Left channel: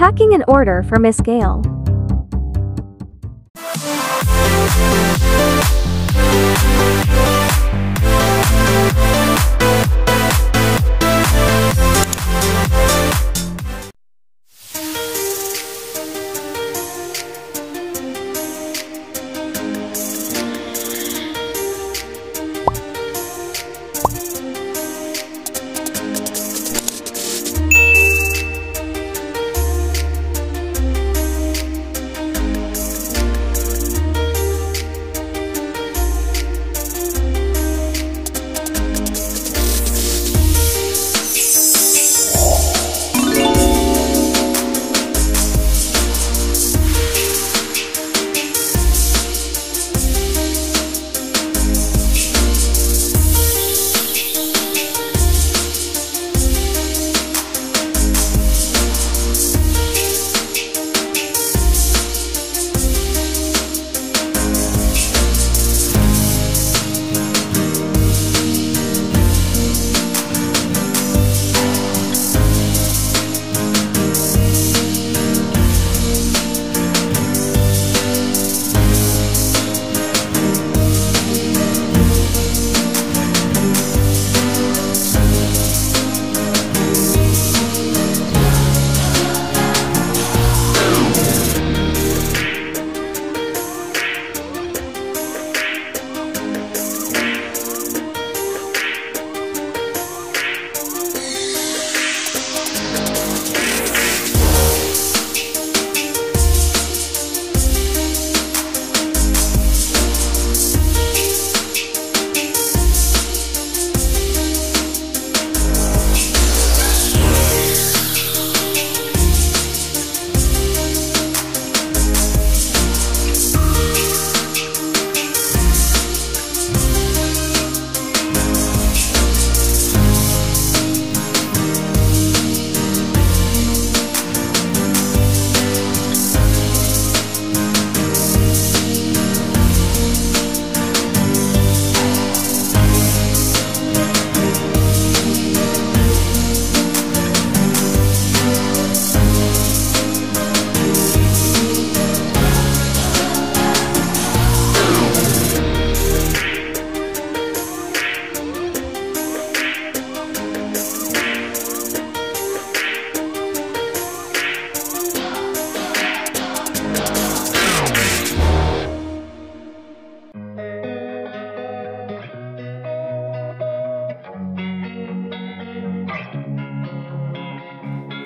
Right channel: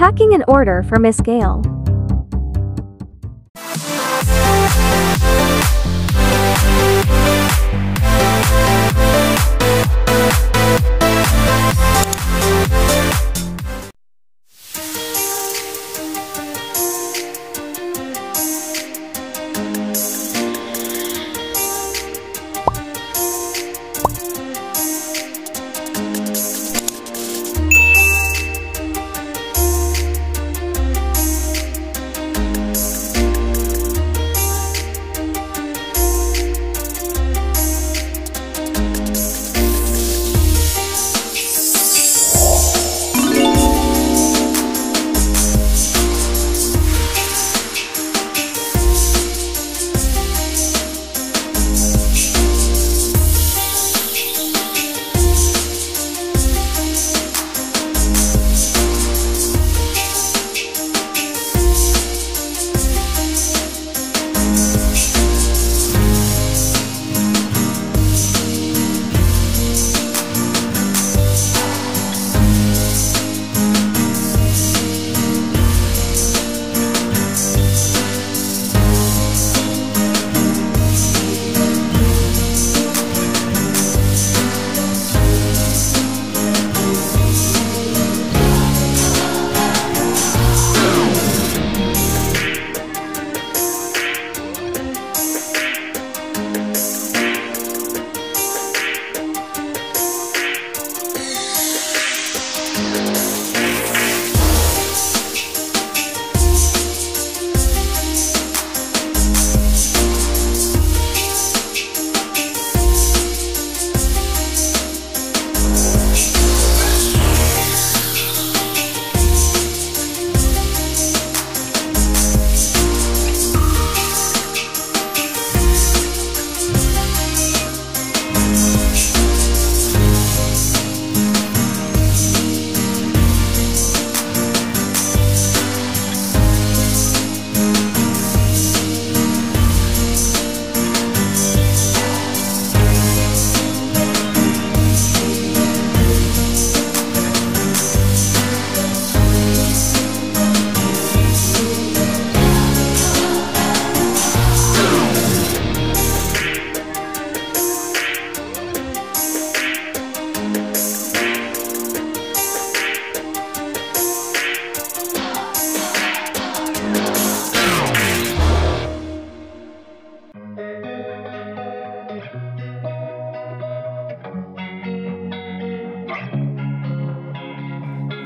Packing an order for Miss Gayle.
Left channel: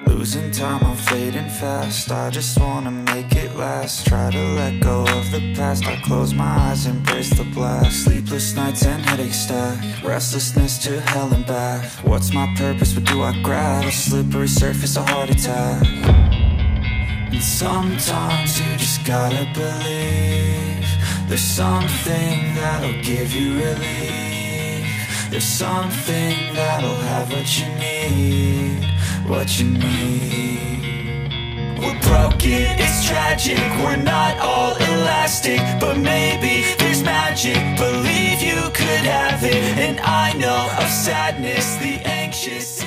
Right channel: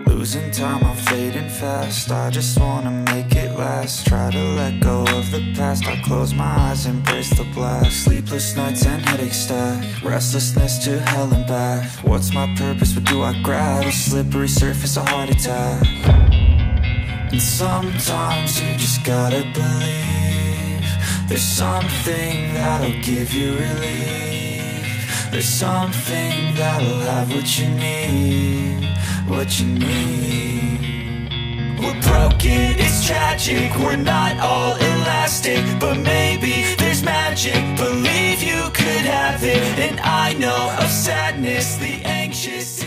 Losing time, I'm fading fast. I just wanna make it last. Try to let go of the past. I close my eyes, embrace the blast. Sleepless nights and headaches stack. Restlessness to hell and back. What's my purpose? What do I grab? A slippery surface, a heart attack. And sometimes you just gotta believe there's something that'll give you relief. There's something that'll have what you need, what you need. We're broken, it's tragic, we're not all elastic, but maybe there's magic. Believe you could have it, and I know of sadness, the anxious